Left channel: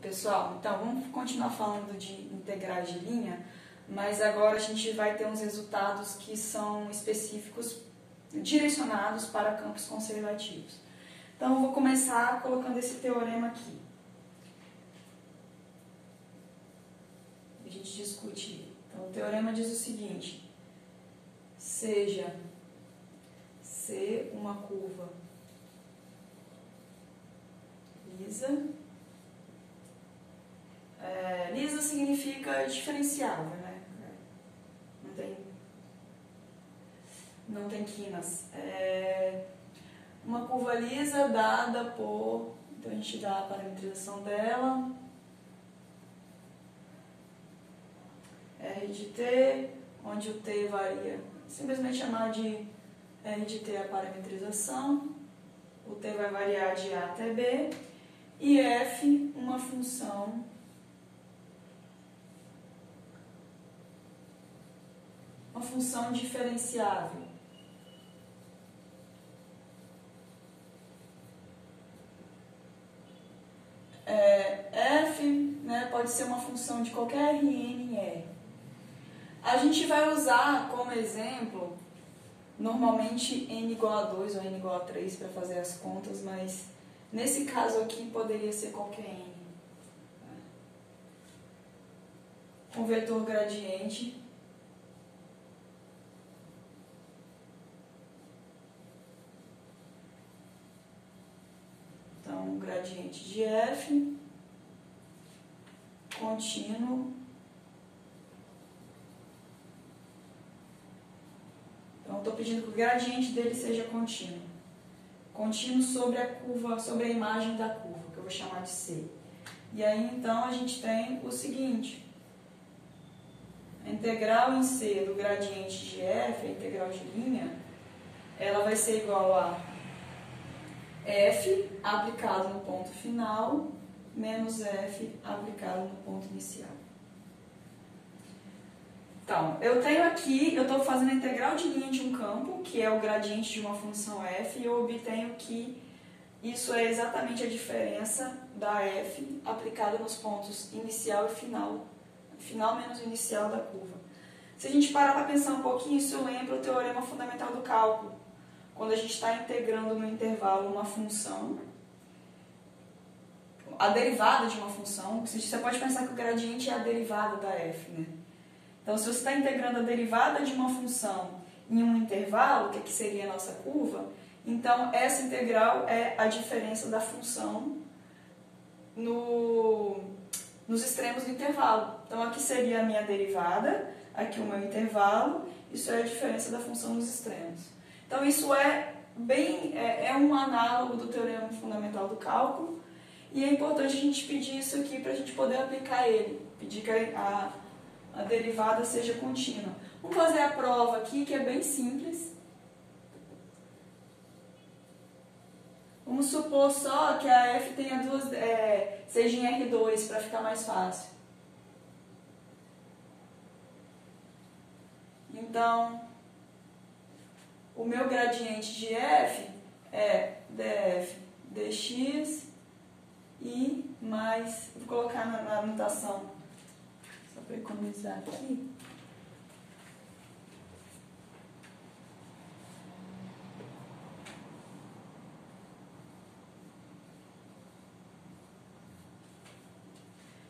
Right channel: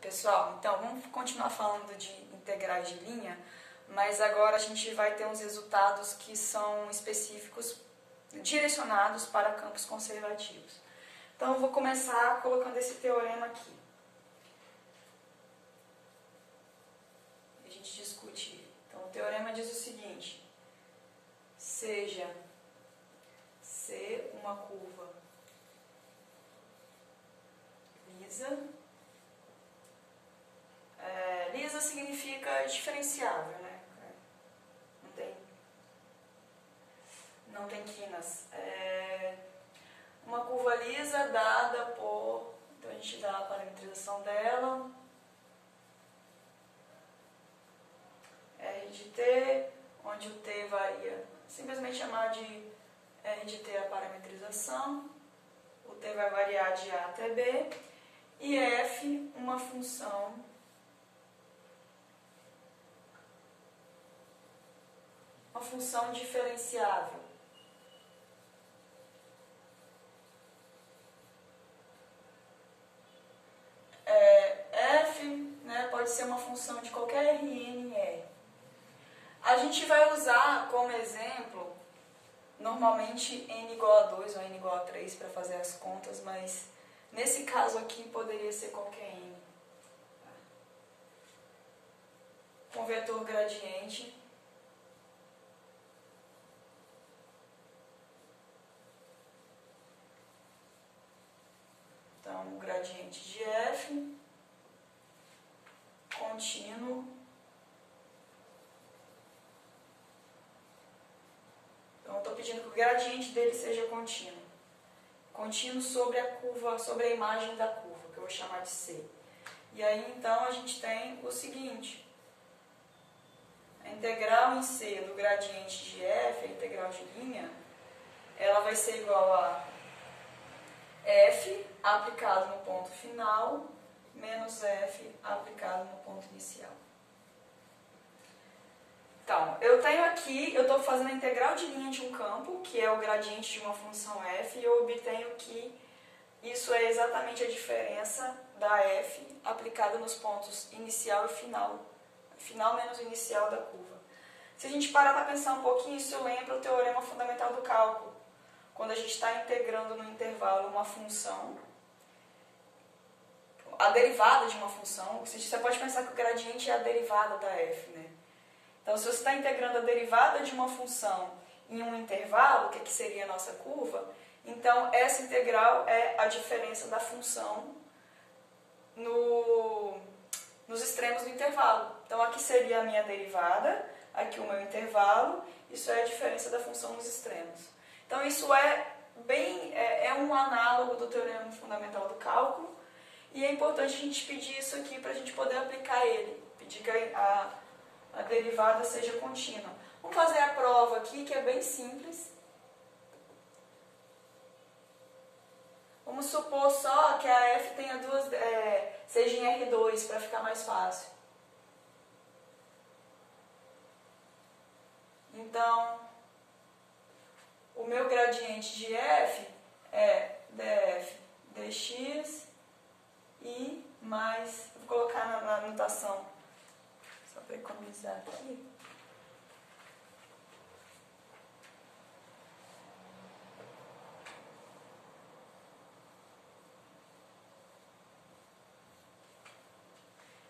Pessoal, então vamos continuar falando de integrais de linha, mas agora a gente vai ter uns resultados que são específicos, direcionados para campos conservativos. Então eu vou começar colocando esse teorema aqui. A gente discute ele. Então o teorema diz o seguinte: seja C uma curva lisa. Lisa significa diferenciável, né? Não tem quinas. Uma curva lisa dada por... Então a gente dá a parametrização dela. R de t, onde o t varia. Simplesmente chamar de R de t a parametrização. O t vai variar de A até B. E f, uma função diferenciável. F, né, pode ser uma função de qualquer Rn em R. A gente vai usar como exemplo, normalmente n igual a 2 ou n igual a 3 para fazer as contas, mas nesse caso aqui poderia ser qualquer n. Com vetor gradiente. Então, o gradiente de f contínuo. Então, eu estou pedindo que o gradiente dele seja contínuo. Contínuo sobre a curva, sobre a imagem da curva, que eu vou chamar de C. E aí, então, a gente tem o seguinte: a integral em C do gradiente de f, a integral de linha, ela vai ser igual a f aplicado no ponto final menos f aplicado no ponto inicial. Então, eu tenho aqui, eu estou fazendo a integral de linha de um campo, que é o gradiente de uma função f, e eu obtenho que isso é exatamente a diferença da f aplicada nos pontos inicial e final. Final menos inicial da curva. Se a gente parar para pensar um pouquinho, isso lembra o teorema fundamental do cálculo. Quando a gente está integrando no intervalo uma função, a derivada de uma função, você pode pensar que o gradiente é a derivada da f, né? Então, se você está integrando a derivada de uma função em um intervalo, que seria a nossa curva, então essa integral é a diferença da função nos extremos do intervalo. Então, aqui seria a minha derivada, aqui o meu intervalo, isso é a diferença da função nos extremos. Então, isso é um análogo do teorema fundamental do cálculo, e é importante a gente pedir isso aqui para a gente poder aplicar ele, pedir que a derivada seja contínua. Vamos fazer a prova aqui, que é bem simples. Vamos supor só que a f tenha seja em R2, para ficar mais fácil. Então, o meu gradiente de f é df dx e mais, vou colocar na anotação, só para economizar aqui.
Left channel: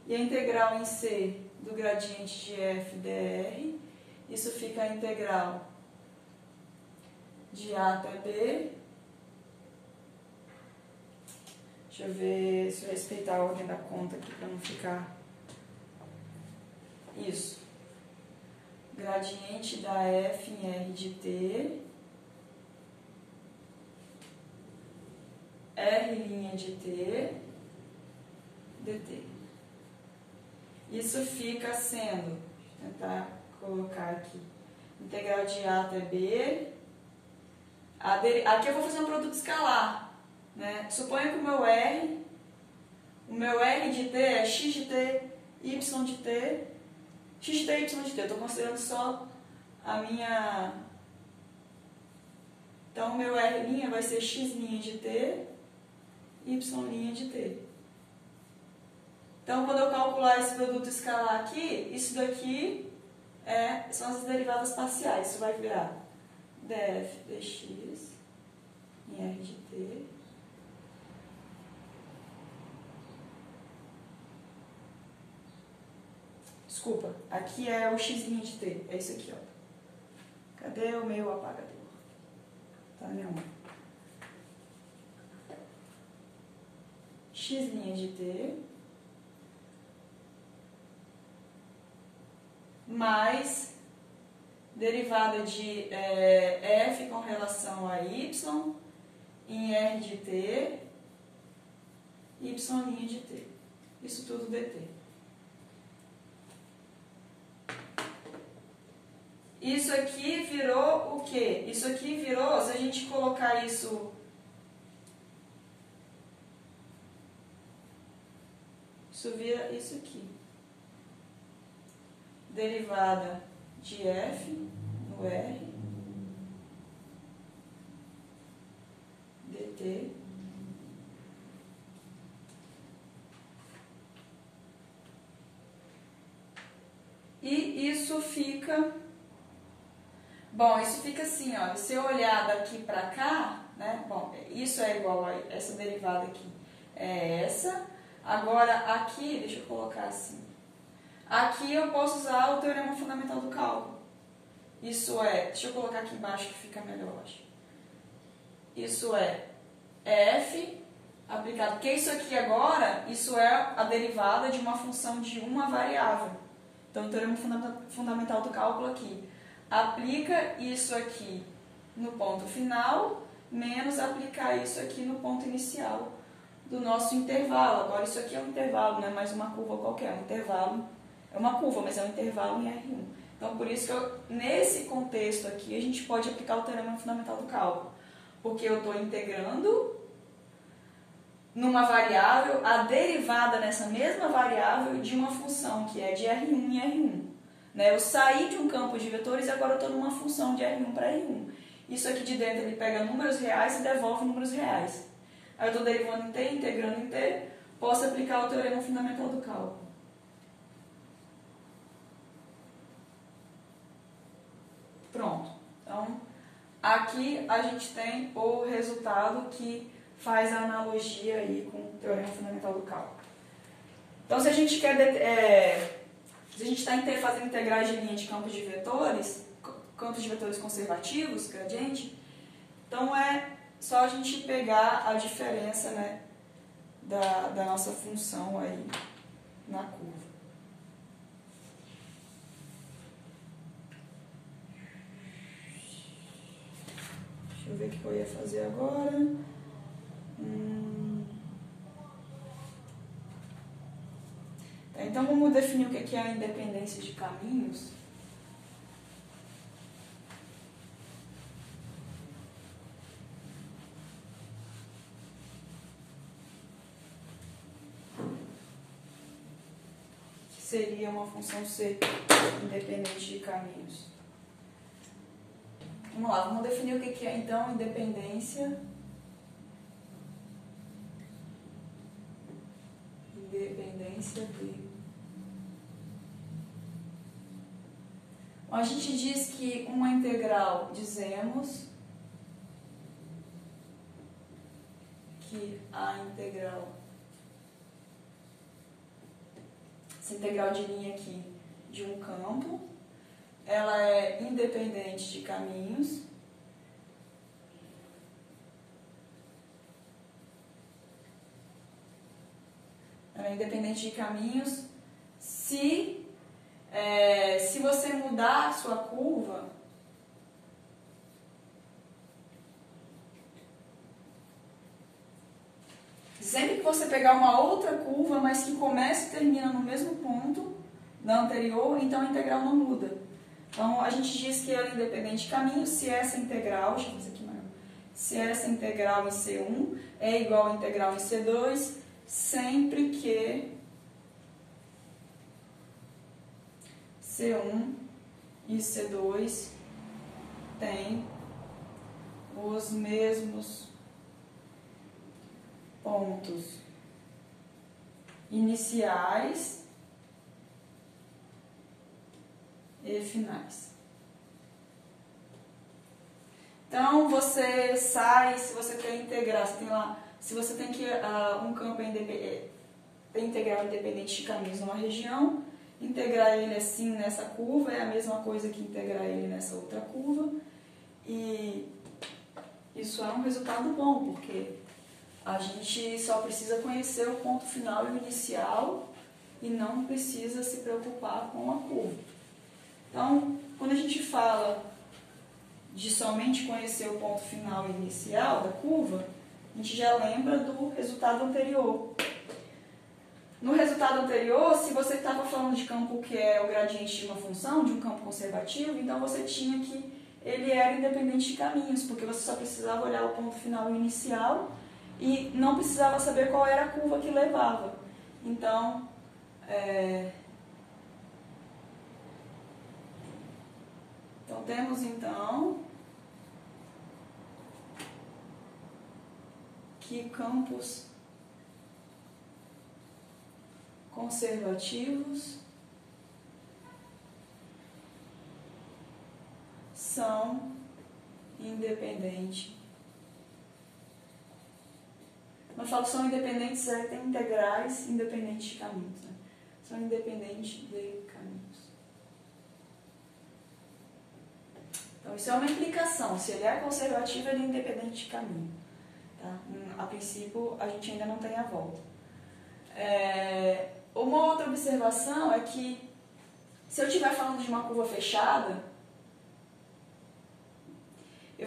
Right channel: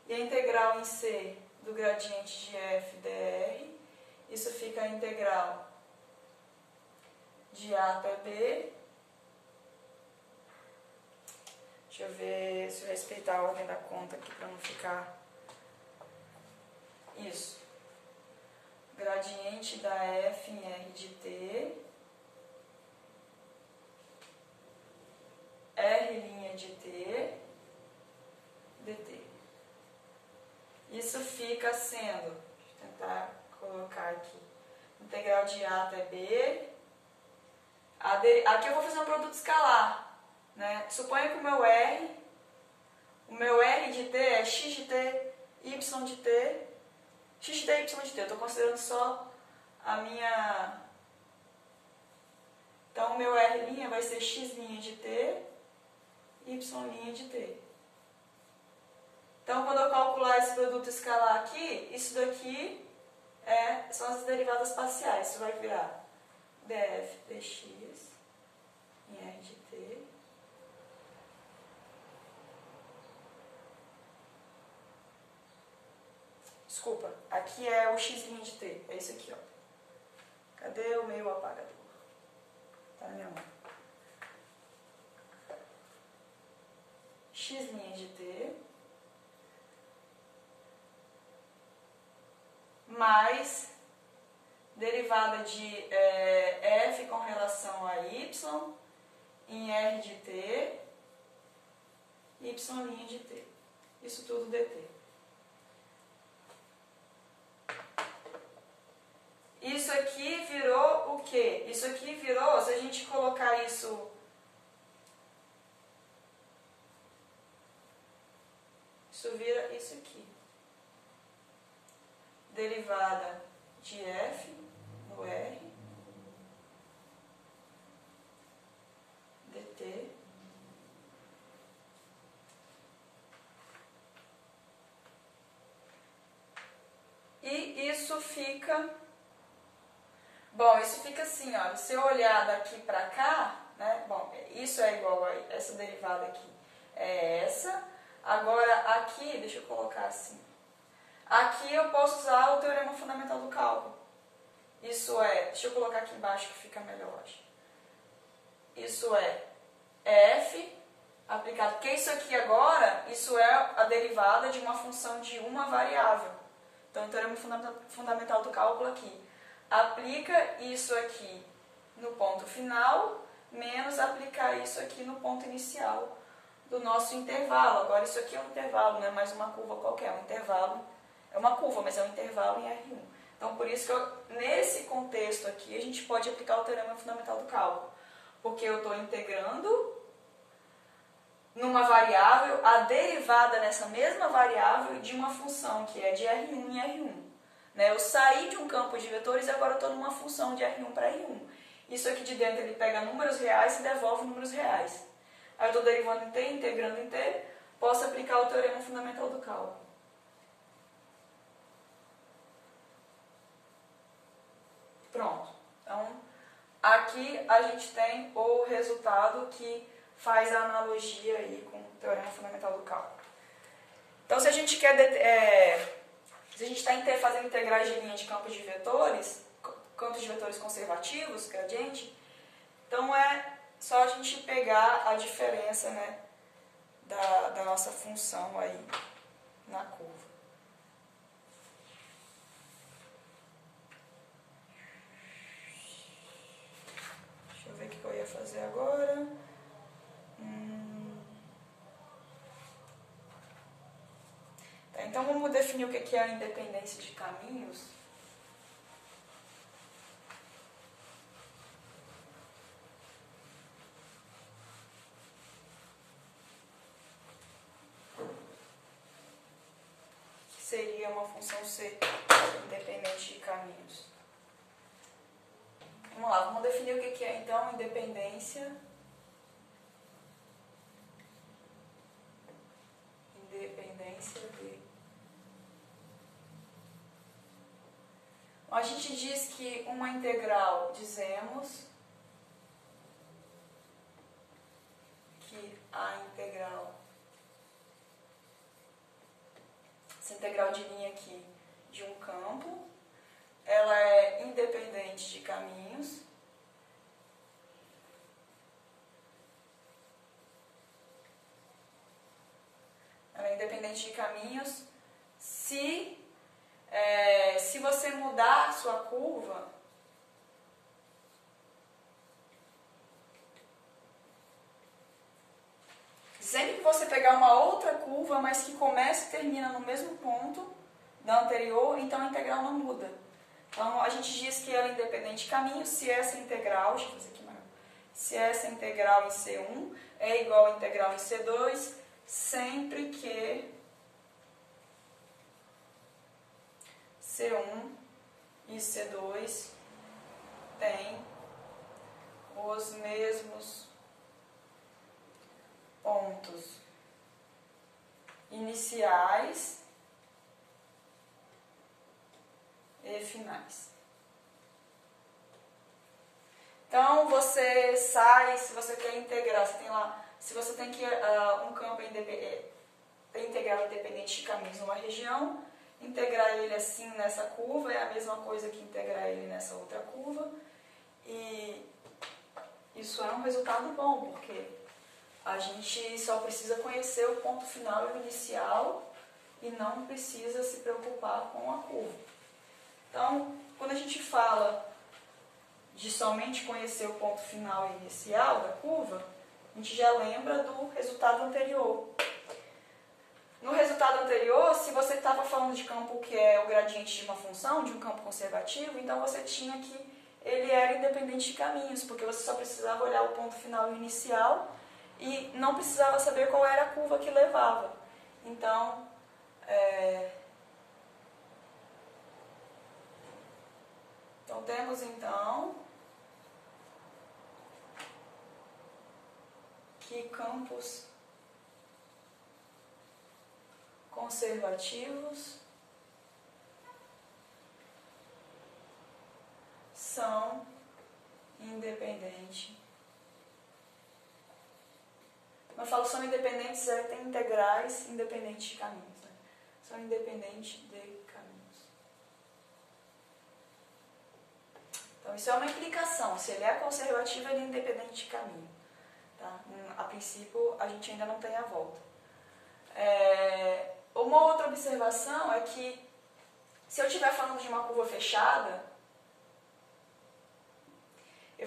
E a integral em C do gradiente de f dr, isso fica a integral de A até B. Deixa eu ver se eu respeitar a ordem da conta aqui para não ficar... Isso. Gradiente da f em R de t, R' de t, dt. Isso fica sendo, vou tentar colocar aqui, integral de A até B. Aqui eu vou fazer um produto escalar, né? Suponha que o meu R de t é x de t, y de t, x de t, y de t. Eu estou considerando só a minha... Então, o meu R' vai ser x' de t, y' de t. Então, quando eu calcular esse produto escalar aqui, isso daqui são as derivadas parciais. Isso vai virar df dx em r de t Desculpa, aqui é o x' de t, é isso aqui, ó. Cadê o meu apagador? Tá na minha mão. X' de t mais derivada de f com relação a y em r de t, y' de t. Isso tudo dt. Isso aqui virou o quê? Isso aqui virou, se a gente colocar isso... Isso vira isso aqui. Derivada de f no r dt e isso fica... Bom, isso fica assim, ó, se eu olhar daqui para cá, né, bom, isso é igual a essa derivada aqui, é essa. Agora, aqui, deixa eu colocar assim, aqui eu posso usar o teorema fundamental do cálculo. Isso é, deixa eu colocar aqui embaixo que fica melhor, acho. Isso é f aplicado, porque isso aqui agora, isso é a derivada de uma função de uma variável. Então, o teorema fundamental do cálculo aqui. Aplica isso aqui no ponto final, menos aplicar isso aqui no ponto inicial do nosso intervalo. Agora, isso aqui é um intervalo, não é mais uma curva qualquer, é um intervalo. É uma curva, mas é um intervalo em R1. Então, por isso que nesse contexto aqui, a gente pode aplicar o teorema fundamental do cálculo. Porque eu estou integrando numa variável a derivada nessa mesma variável de uma função que é de R1 em R1. Eu saí de um campo de vetores e agora estou numa função de R1 para R1. Isso aqui de dentro ele pega números reais e devolve números reais. Aí eu estou derivando em t, integrando em t, posso aplicar o teorema fundamental do cálculo. Pronto. Então, aqui a gente tem o resultado que faz a analogia aí com o teorema fundamental do cálculo. Então, se a gente quer... Se a gente está fazendo integrais de linha de campos de vetores conservativos, gradiente, então é só a gente pegar a diferença, né, da nossa função aí na curva. Deixa eu ver o que eu ia fazer agora. Então, vamos definir o que é a independência de caminhos. Que seria uma função C independente de caminhos. Vamos lá, vamos definir o que é, então, independência de... A gente diz que uma integral, dizemos que a integral, essa integral de linha aqui de um campo, ela é independente de caminhos. Ela é independente de caminhos se você mudar a sua curva, sempre que você pegar uma outra curva, mas que começa e termina no mesmo ponto da anterior, então a integral não muda. Então, a gente diz que ela é independente de caminhos se essa integral, deixa eu fazer aqui mais, se essa integral em C1 é igual à integral em C2, sempre que C1 e C2 têm os mesmos pontos iniciais e finais. Então, você sai, se você quer integrar, você tem lá, se você tem que um campo integral independente de caminhos numa região, integrar ele assim nessa curva é a mesma coisa que integrar ele nessa outra curva. E isso é um resultado bom, porque a gente só precisa conhecer o ponto final e o inicial e não precisa se preocupar com a curva. Então, quando a gente fala de somente conhecer o ponto final e inicial da curva, a gente já lembra do resultado anterior. No resultado anterior, se você estava falando de campo que é o gradiente de uma função, de um campo conservativo, então você tinha que ele era independente de caminhos, porque você só precisava olhar o ponto final e inicial e não precisava saber qual era a curva que levava. Então, temos então que campos conservativos são independentes. Quando eu falo que são independentes, tem integrais independentes de caminhos. Né? São independentes de caminhos. Então, isso é uma implicação. Se ele é conservativo, ele é independente de caminho. Tá? A princípio, a gente ainda não tem a volta. Uma outra observação é que, se eu estiver falando de uma curva fechada,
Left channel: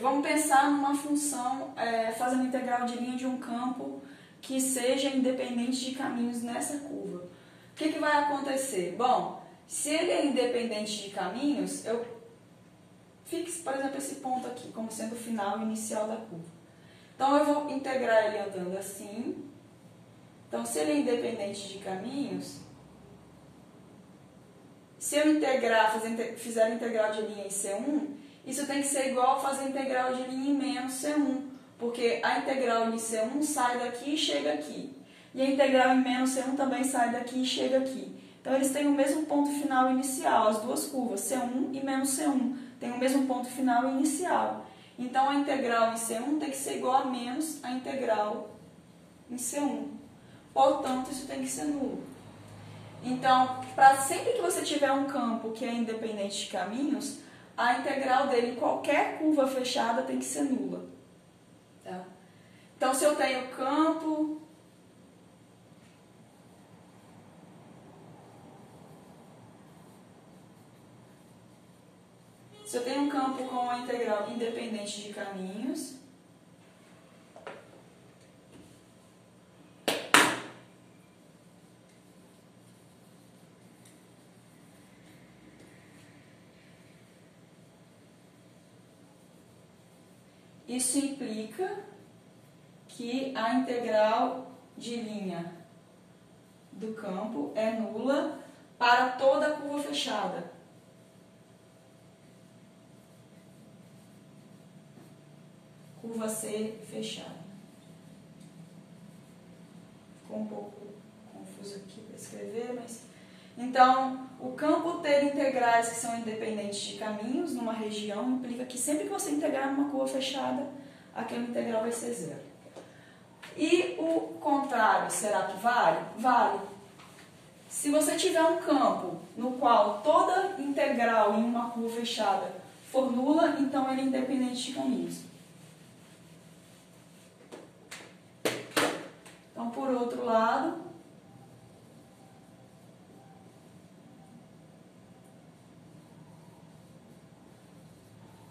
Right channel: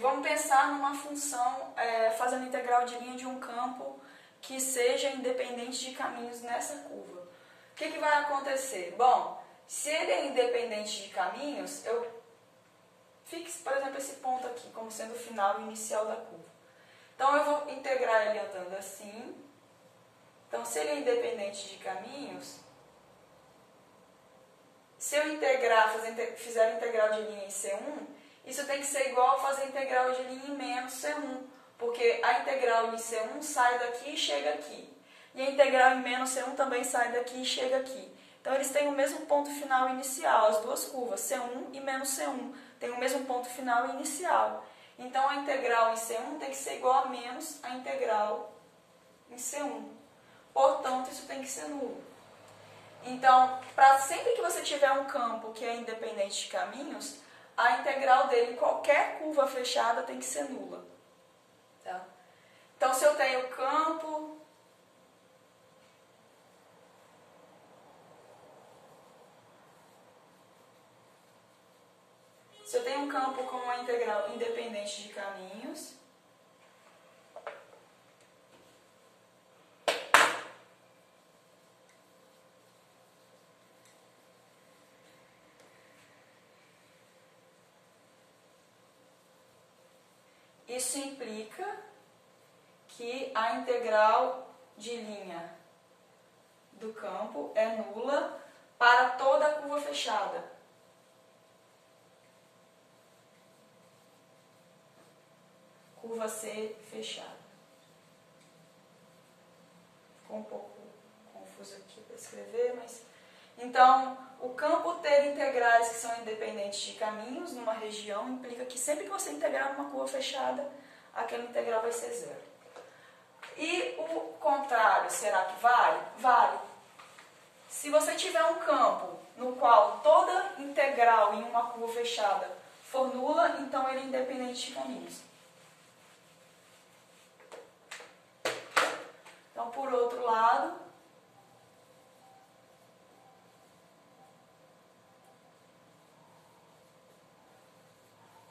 vamos pensar numa função fazendo integral de linha de um campo que seja independente de caminhos nessa curva. O que vai acontecer? Bom, se ele é independente de caminhos, eu fixe, por exemplo, esse ponto aqui como sendo o final e inicial da curva. Então, eu vou integrar ele andando assim. Então, se ele é independente de caminhos, se eu fizer a integral de linha em C1, isso tem que ser igual a fazer a integral de linha em menos C1, porque a integral em C1 sai daqui e chega aqui. E a integral em menos C1 também sai daqui e chega aqui. Então, eles têm o mesmo ponto final inicial, as duas curvas, C1 e menos C1, têm o mesmo ponto final inicial. Então, a integral em C1 tem que ser igual a menos a integral em C1. Portanto, isso tem que ser nulo. Então, sempre que você tiver um campo que é independente de caminhos, a integral dele em qualquer curva fechada tem que ser nula. Tá? Então, se eu tenho campo um campo com uma integral independente de caminhos, isso implica que a integral de linha do campo é nula para toda a curva fechada. Curva C fechada. Ficou um pouco confuso aqui para escrever, mas... Então, o campo ter integrais que são independentes de caminhos numa região implica que sempre que você integrar numa curva fechada, aquela integral vai ser zero. E o contrário, será que vale? Vale. Se você tiver um campo no qual toda integral em uma curva fechada for nula, então ele é independente de caminhos. Então, por outro lado,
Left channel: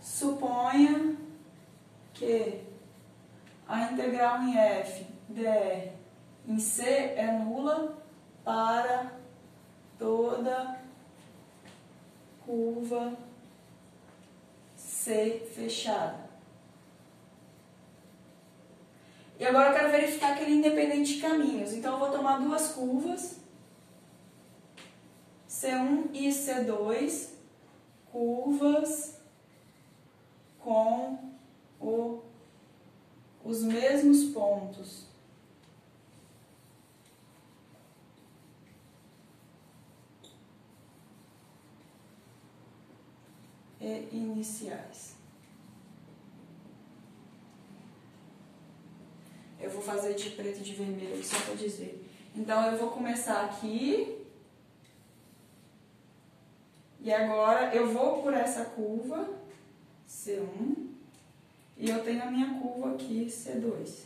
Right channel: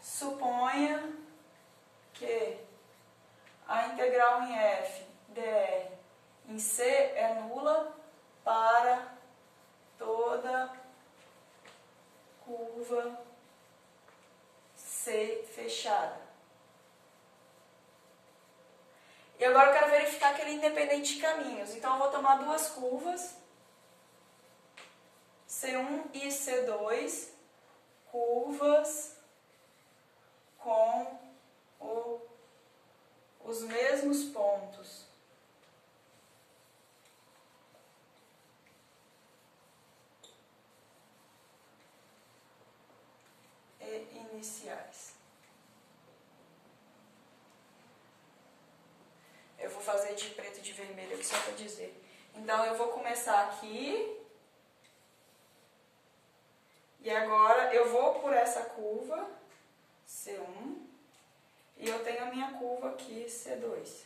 suponha que a integral em f dr em C é nula para toda curva C fechada. E agora eu quero verificar que ele é independente de caminhos. Então, eu vou tomar duas curvas, C1 e C2, curvas com os mesmos pontos. iniciais. Eu vou fazer de preto e de vermelho aqui só para dizer. Então, eu vou começar aqui. E agora, eu vou por essa curva, C1. E eu tenho a minha curva aqui, C2.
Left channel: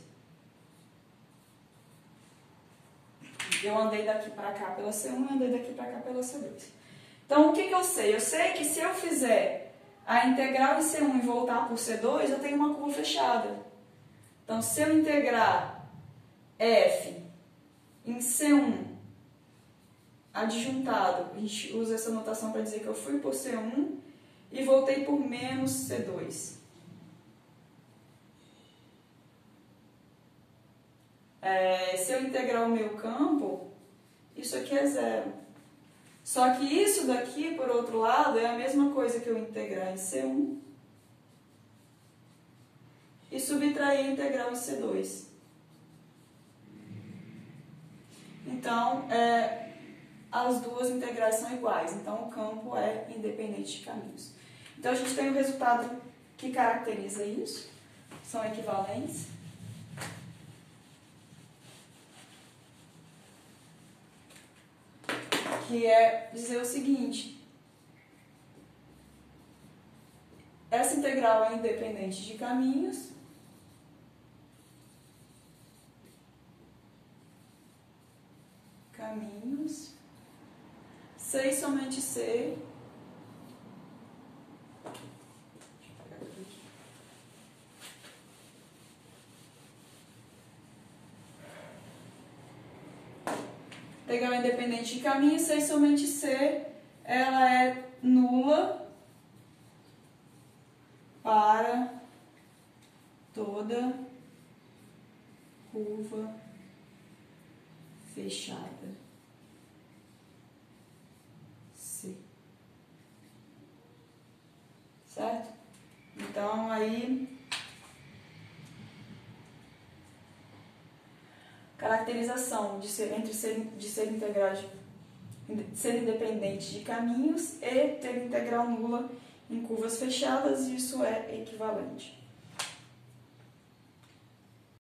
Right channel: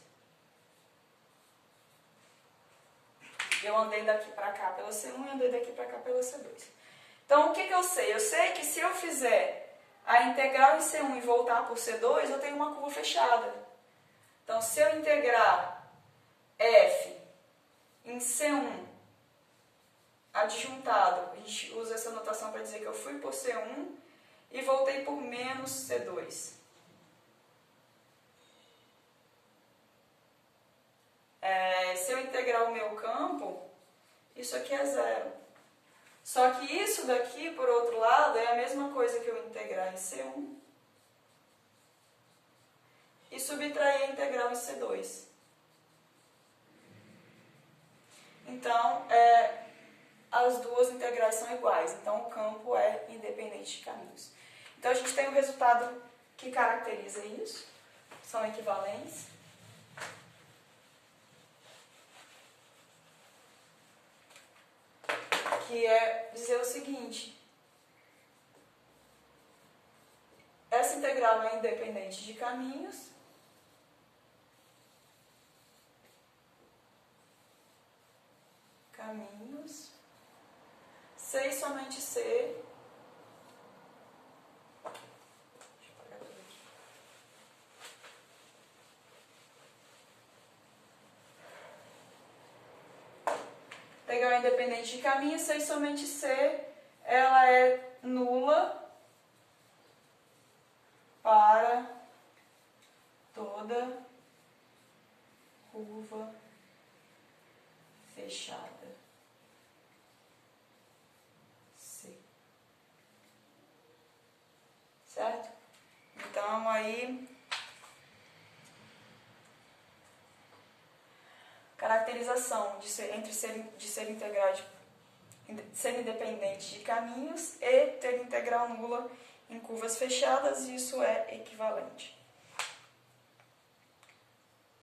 Eu andei daqui para cá pela C1 e andei daqui para cá pela C2. Então, o que eu sei? Eu sei que se eu fizer a integral em C1 e voltar por C2, eu tenho uma curva fechada. Então, se eu integrar f em C1 adjuntado, a gente usa essa notação para dizer que eu fui por C1 e voltei por menos C2. Se eu integrar o meu campo, isso aqui é zero. Só que isso daqui, por outro lado, é a mesma coisa que eu integrar em C1 e subtrair a integral em C2. Então, as duas integrais são iguais. Então, o campo é independente de caminhos. Então, a gente tem um resultado que caracteriza isso. São equivalentes. Que é dizer o seguinte: essa integral é independente de caminhos, C e somente C, integral independente de caminho, C e somente C, ela é nula para toda curva fechada C. Certo? Então, aí, caracterização de ser integral de ser independente de caminhos e ter integral nula em curvas fechadas, isso é equivalente.